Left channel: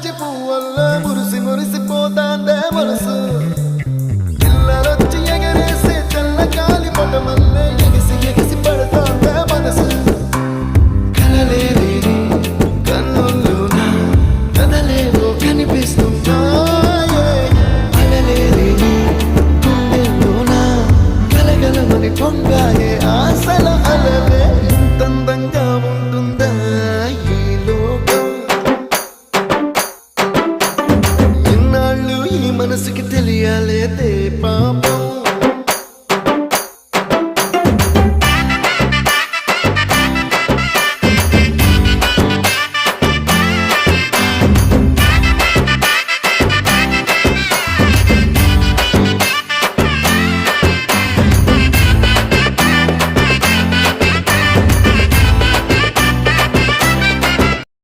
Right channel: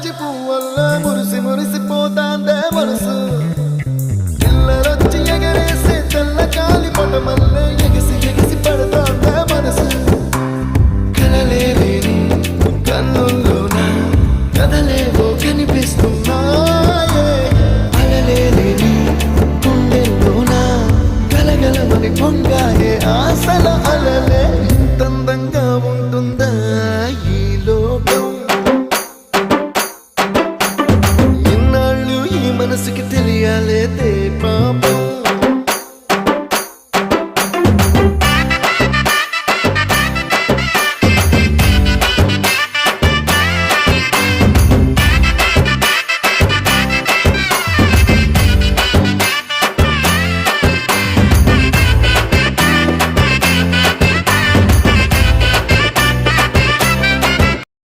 జాజి పువ్వల్ల మురిసి మురిసిపోతాందే మనసు పిల్లలొచ్చి ఎగరేసే తెల్ల కాలి పటమల్లే ఎగిసి ఎగిసి పడతాందే మనసు కలలేని